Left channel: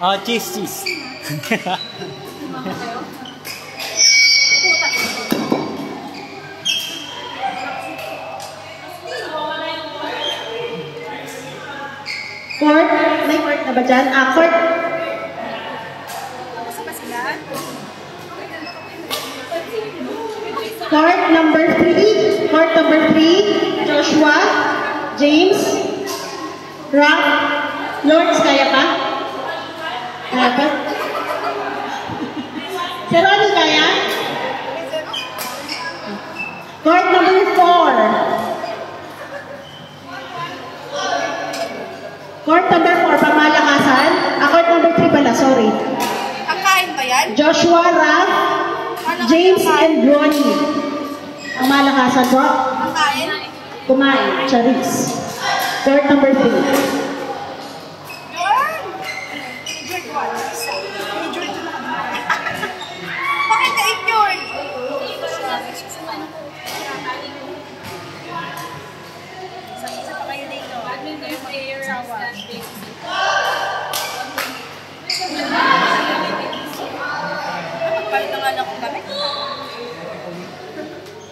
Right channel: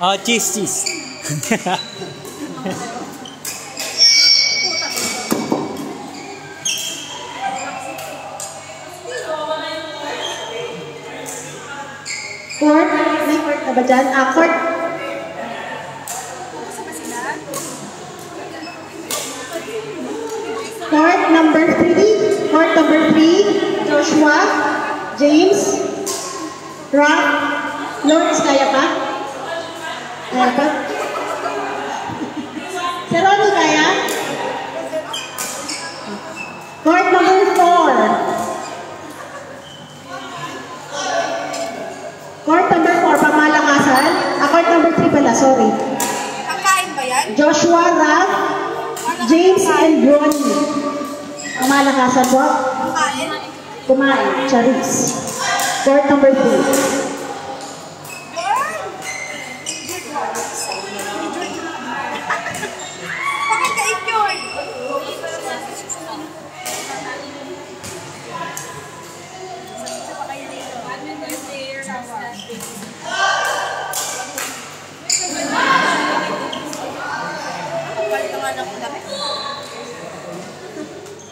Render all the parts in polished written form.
Oh, cheese, cheese. Court? May court na ba dyan? Court? Court number 3. Court number 3. Joshua. James. Rock. Lawrence, kaya pa? Kaya pa? Si Ronnie, kaya? Court number 4. Court number 4, pamalakasan. Court number 3 pala, sorry. Ang kain ba yan? Joshua, Ralph, James, and Ronnie. Ang malakasan po. Ang kain? Kumain, Charis. Court number 3. Bakit kain yun? Isa pa kayo dito. Sawa. Palit ang anak ko damit.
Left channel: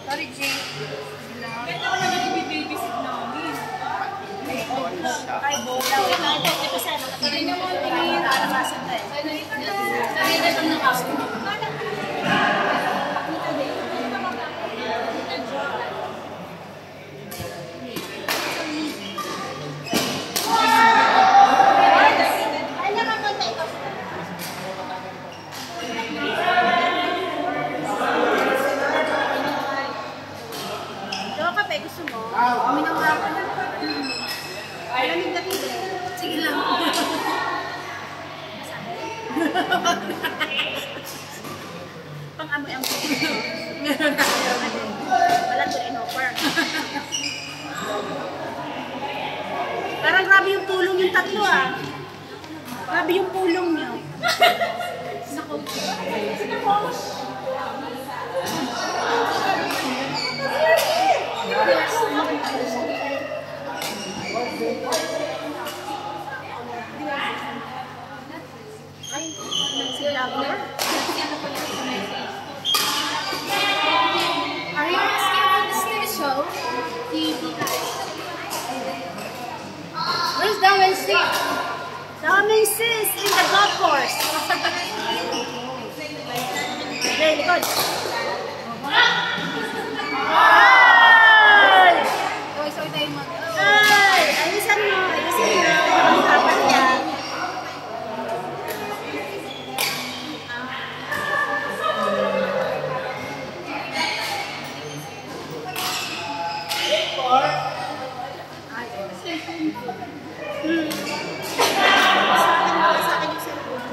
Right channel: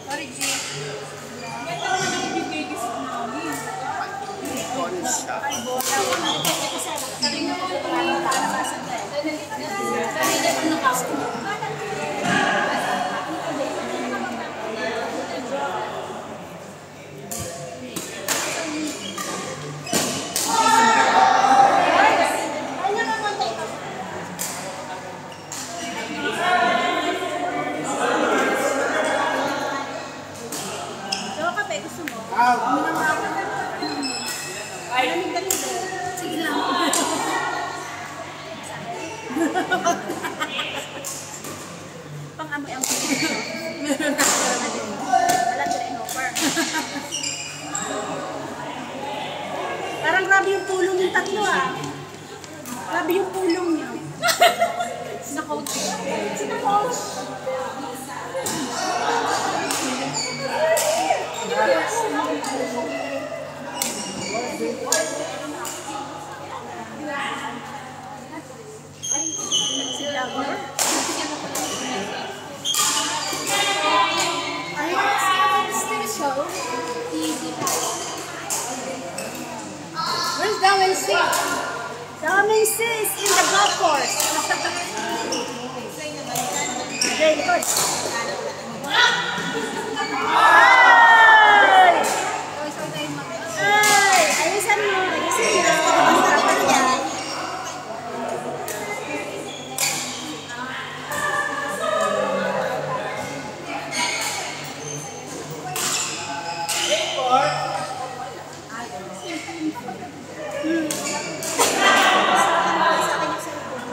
Sorry, G. Ay, bola. Wait lang. Ito kasi nakatarin na mo. Nakalabasan tayo. Tarin na pang nakasok. Gusto mo? Uminom nga ako. Lamig na dito. Sige lang. Pang-amoy ang pito. Meron na din. Walang din in-offer. Parang grabe yung pulong yung tatlo Grabe yung pulong nyo. Sinakote. Where's Damen Sis? Damen Sis in the golf course. Okay, likod. Ay! Ayusin mo. Nakasapan niya. Sa akin yung cellphone.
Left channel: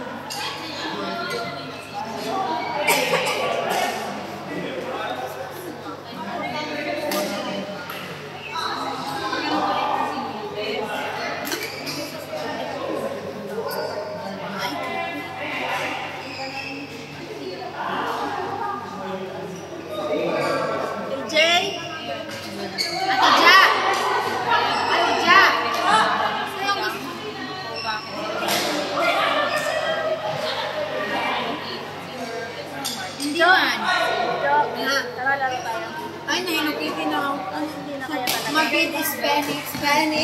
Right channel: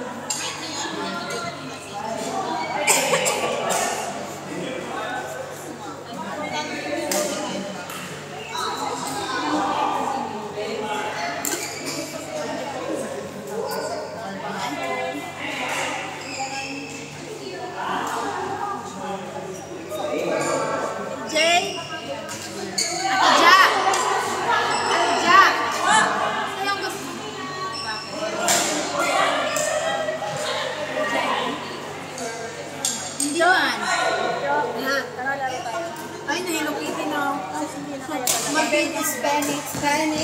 Tara, laro tayo. Ay, nahinukitin na ako. Hindi na kaya talaga. Mabit is Spanish. Ano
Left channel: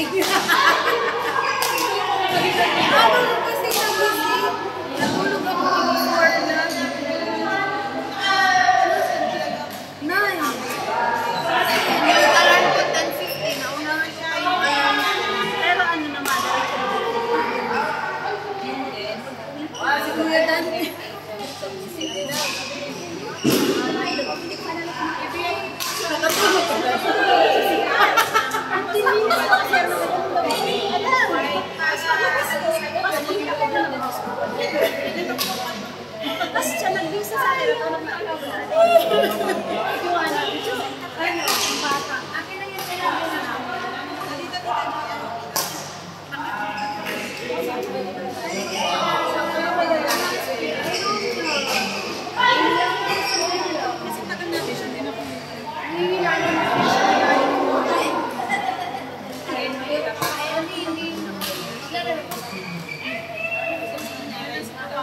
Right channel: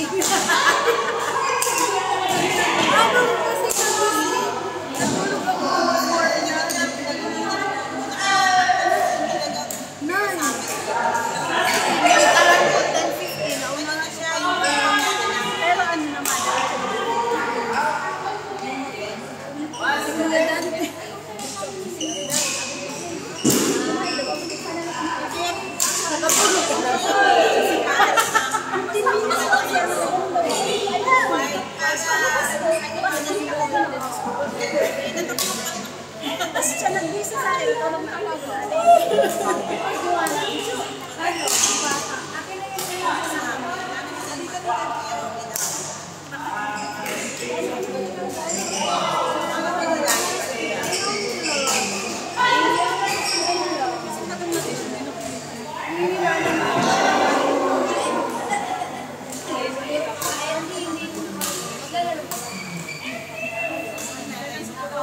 kasi kami? Natulog ako before na. Nine. Nagtaran ko 10:50. Nauna na siya kayo. Pero ano naman, natulog ko. Tapos siya nagbisa sa akin, natulog na ako. Gawa natin siya. Ano? Bata. Akin lang yung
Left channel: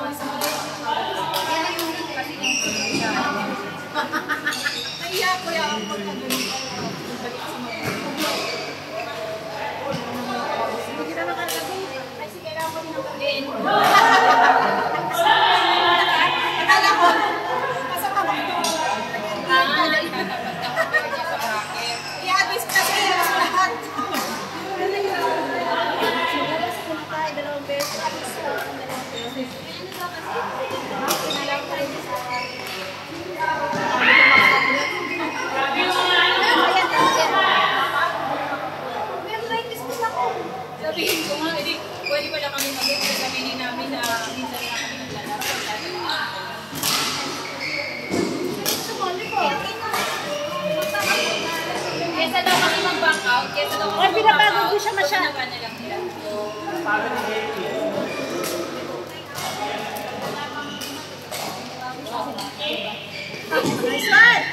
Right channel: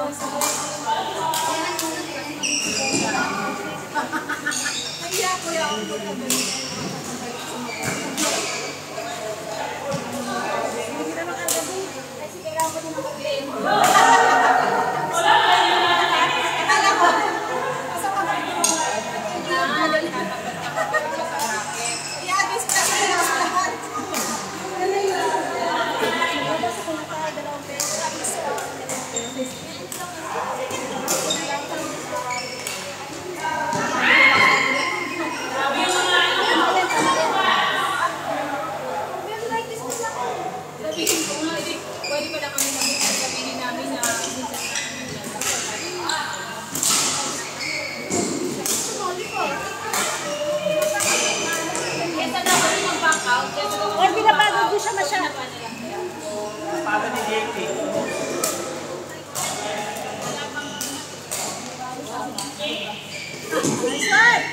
Kaya ko yung pagkagaling. Hindi kita makagabi. Kasi kailangan ko din ang pag-gain. Akala ko, nasa kamay ko. Tatapat ka pa niya sa bracket. I-address ka sa lahat. Nabasa ko na tayo, 2 beses. Alis pa ang 2 beses. Sinalaw ko rin sa ayan, tama yan. May arthritis din ako. Sabihin ko nga, pwede pala kami mag-extra. Sabihin namin na minsan na kami naglalaro. Sumali ko. Kesa daw kami mag-back out. Kesa daw kami Ay, pinapagod ko siya masyado. Para ni JP. Nice one!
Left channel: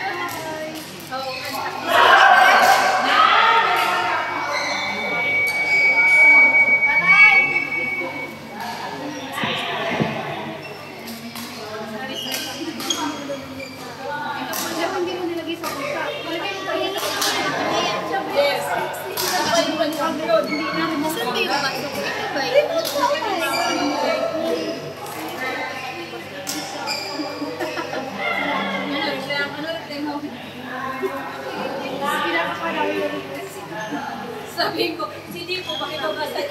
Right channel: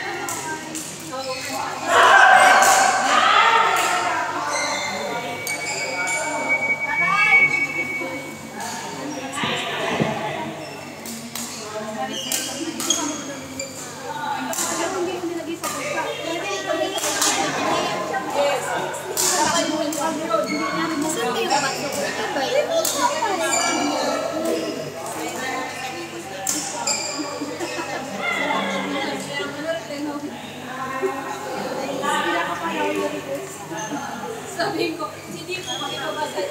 Yes. Kapag mo yung road. Sabihin ko, hindi po pakita ba sa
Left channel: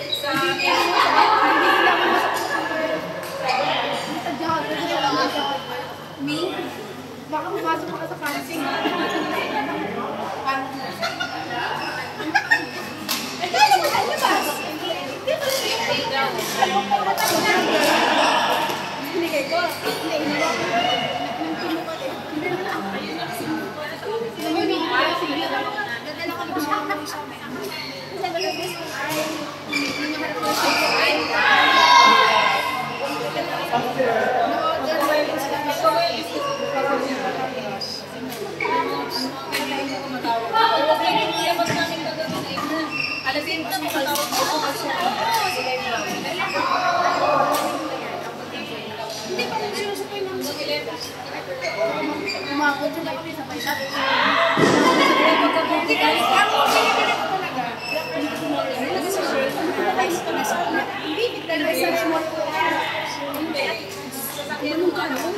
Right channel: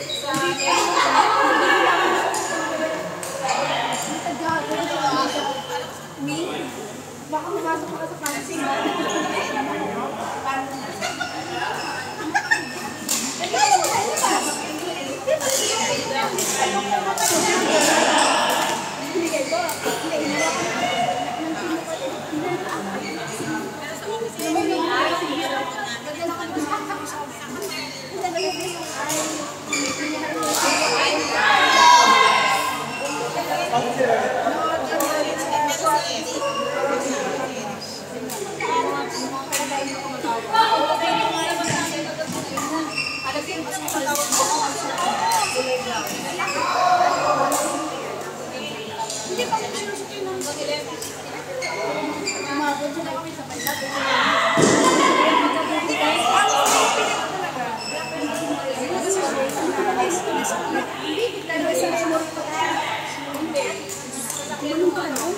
Me? Baka pumasok ka sa fancy. Binigay ko. Hindi pa rin sinusukoy ng umabot sila kami sa pagsabi. Pagkabuti guys, ang pinit ko talaga. Bibig talaga sa memory ko. Ganun ka nun?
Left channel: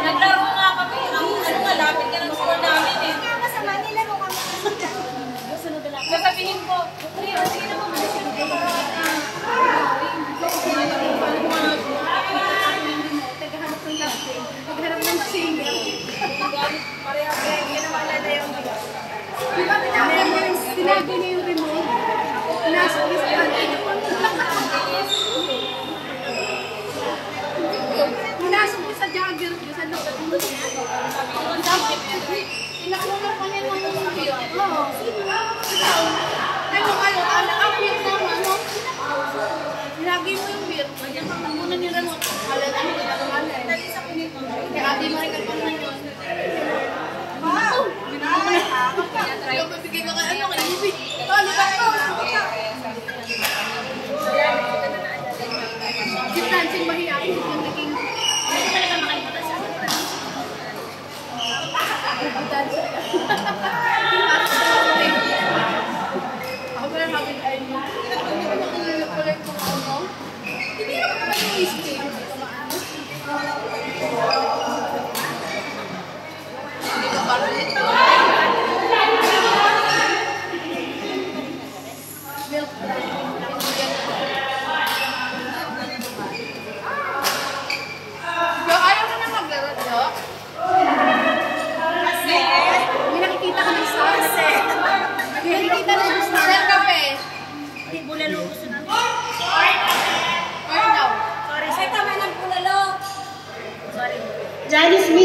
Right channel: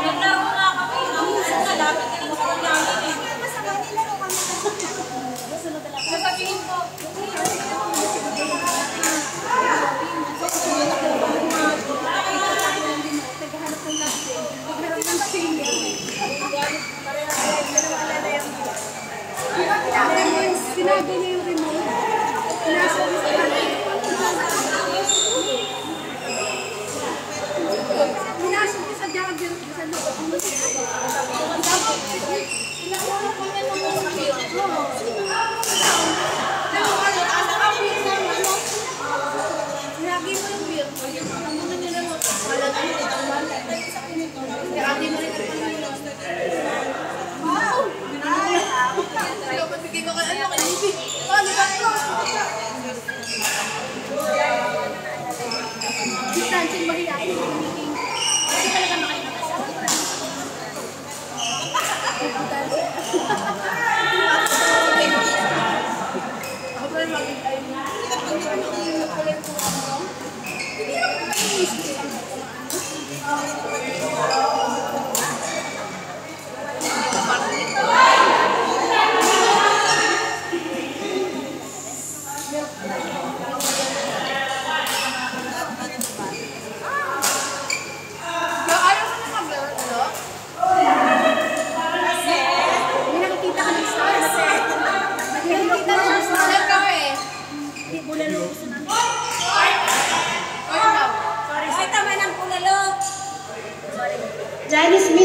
naglaro nga kami. Ang malapit ka ng school namin eh. Sasabihin ko, hindi naman mo sunod ka parang Sinabi niya yung remote. Nasa Minasok ko sa jogger. Sa loob. Ilang oras pa niya naman sa kapila. Oo. Ano ba yun? Ang beer naman, ano? Lagi mo yung beer. Kaya ka muna nila mo. Wala ka mo. Kaya di mo rin kapanan yun. Wow! try ko. Bigay ka kaya ka ibig. Ano ba ito? Distancing mahihain. Hindi talaga makalimutan siya. Puputan siya. Ako pala makikita niya. Kulit ko ako. Hindi naman naman yung history ang pagkamaan.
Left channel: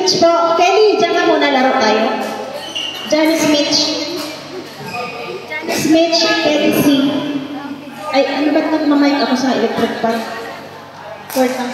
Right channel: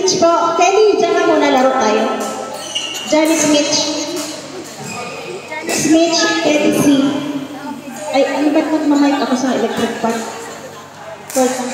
Mitch po. Kelly, dyan ka muna, laro tayo. Janice Mitch. Mitch, Kelly C. Ay, ano ba't nagmamic ako sa electric part? Court lang.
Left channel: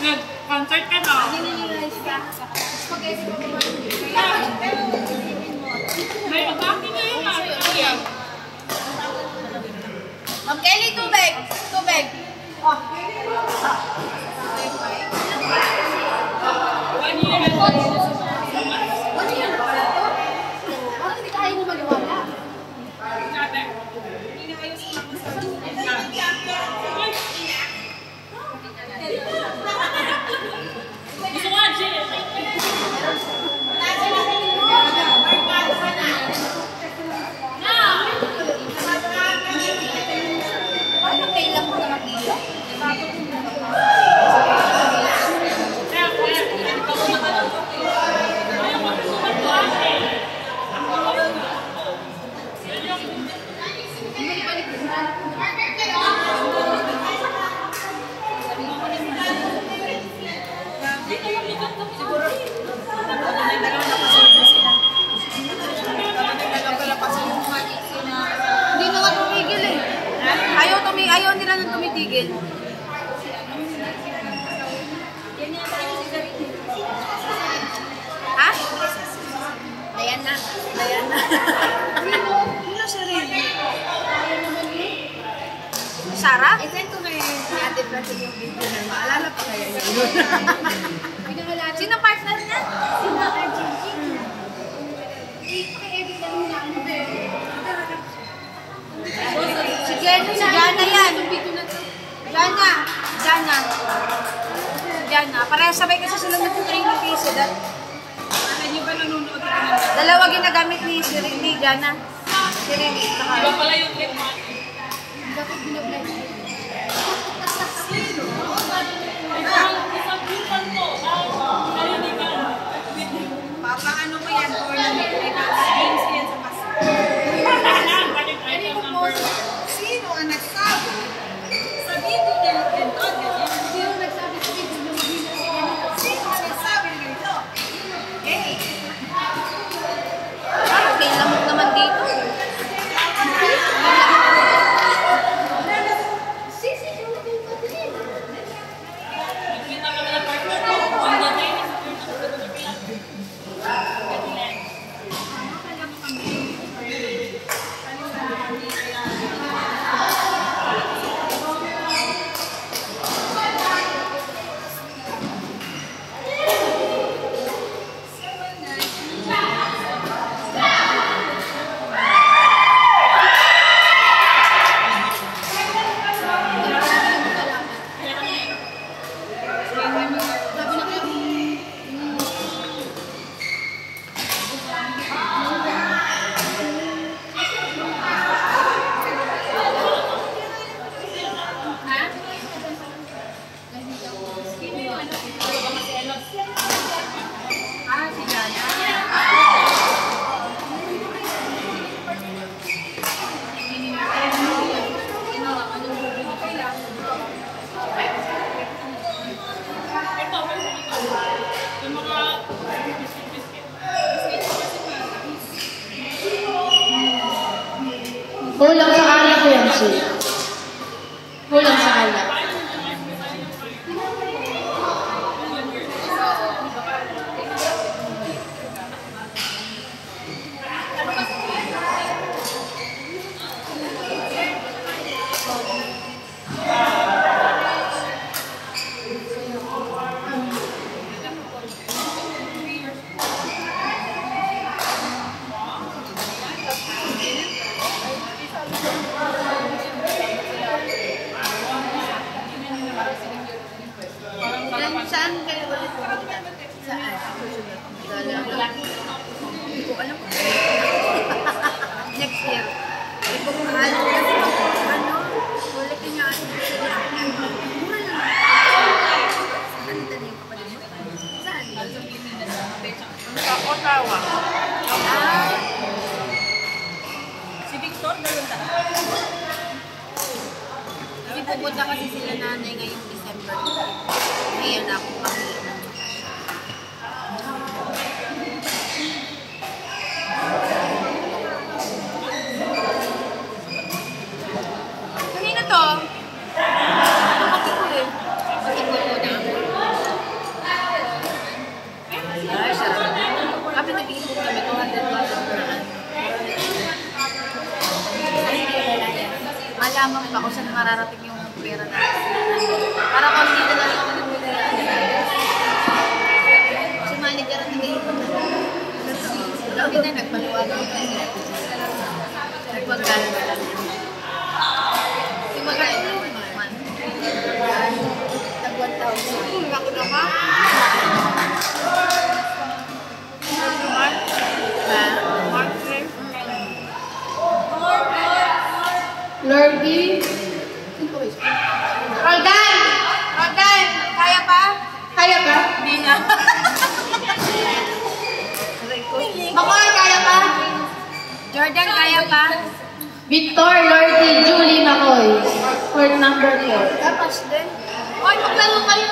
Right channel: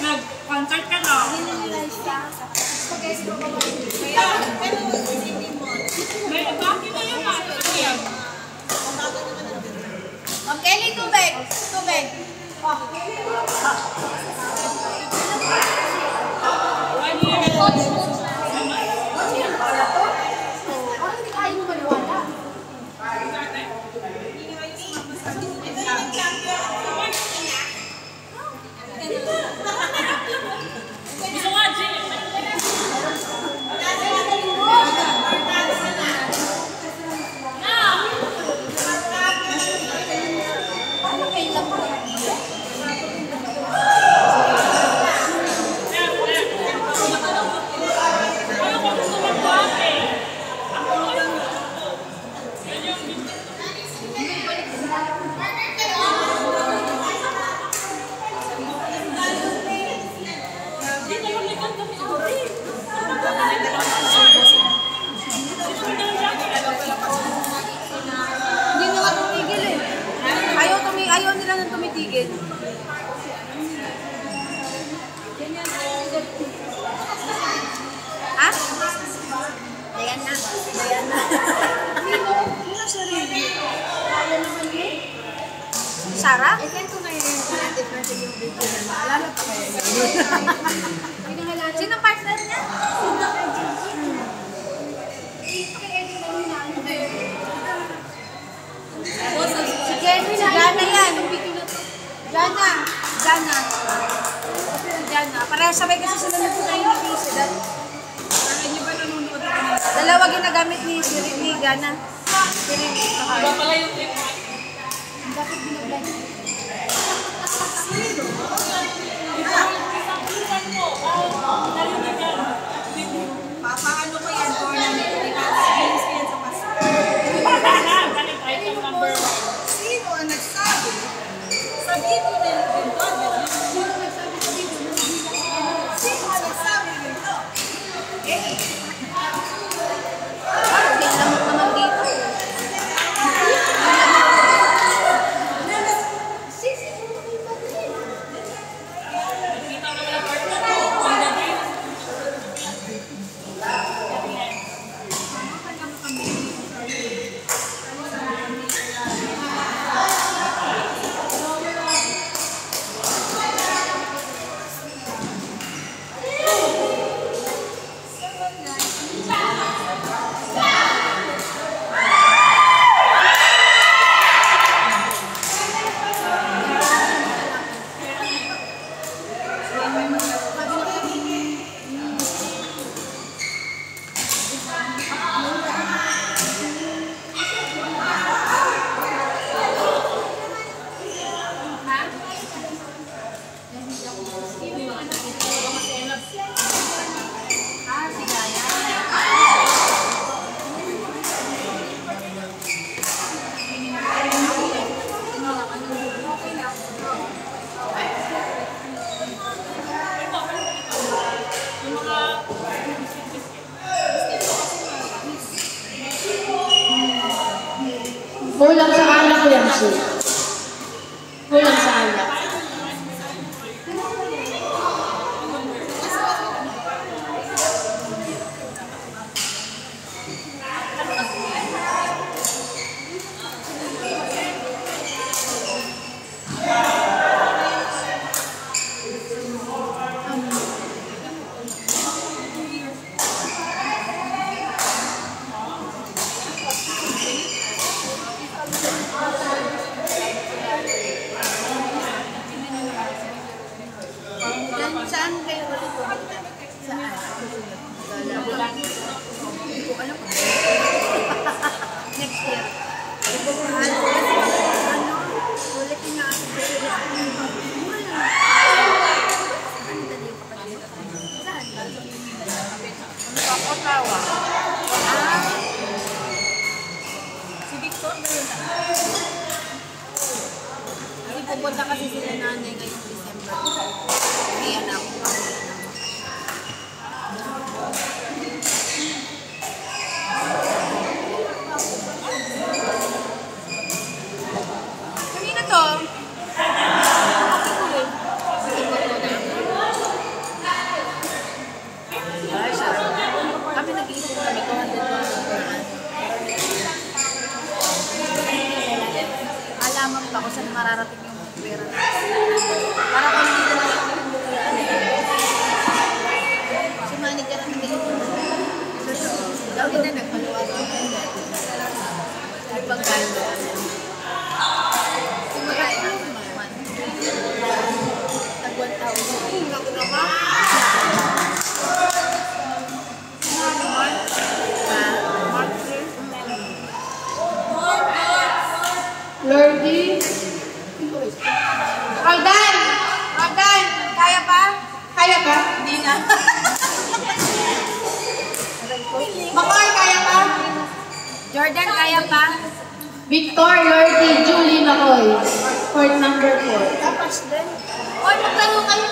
Nag-concert ka na? May atake na yun. Ma'am Kelly, tubig. Tubig. Parang hindi kaya mo maliwala. Gusto nga, Jay. Parang kailan mo naman dito? Hindi na nga tumigil eh. Ayaw nila nang tumitigil. Ha? Ayan na. Ayan na. Ano siya rin? Sarah? I-send ko na yung Ate Francine yung video na maalala pa kaya niya yun. Sino partner niya? Si Jana yan. Jana. Parehas sabay kasi sila nag-training kay Sedat. Dalawa ginagamit ni Jana. Si Rini. Dapat binablog. Papaano ko yan? Games ko yan sa pasok. Sino ang nagsabi? Sabihin ko na yung ganito. Sino nagsabi sa video? Sino ang nagsabi ganito? Parang may lamok naman dito. Kulang sa alak yan, Sue. Kulang sa alak. susunod. Gala. Hindi ko alam kung next year. Hindi ko mahal. Ano? Wala kinain ko sila. Mura lang. Ano dali yung kapatid mo? Saan? Sa Ottawa. Si Victor, gano'n ka? Hindi pupunta kasi sila nanay ngayong December. Kaya na akong pamilya ng kanina to? Kapatid ko eh. Kapatid ko na. Ay, sarap. Kami nag-iipon kami, 200 per month. Malaman pa kung saan mararating yung pera natin. Para kung hindi na lang yung pinagmumuyaan natin. Si manager ang nag-iipon na. Hindi na nagpaluwag ang kanya. Nagpagkano na lang. Si magkano naman. Nag-1,000. Laki naman. Mark 3. Lordy. Roldan! Roldan! Kaya pa? Kaya ka? Hindi na. Makoy, kaya ka? Jordan, kaya pa? Victor, Lordy, Julie, Makoy. Court number 4. Tapos din. Oy, maglaro kayo.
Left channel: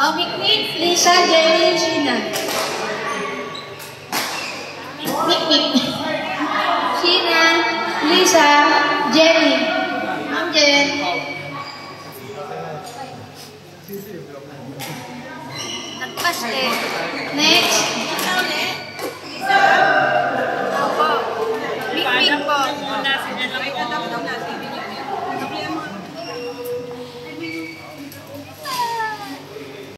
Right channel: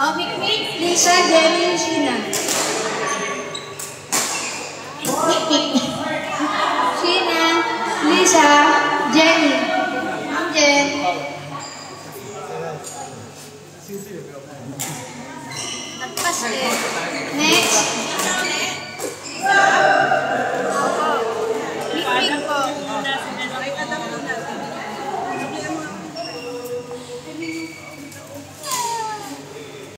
Oh, Mikmik, Lisa, Jenny, Sheena. Mikmik. Sheena, Lisa, Jenny. Ma'am Jen. Nagpas eh. Next.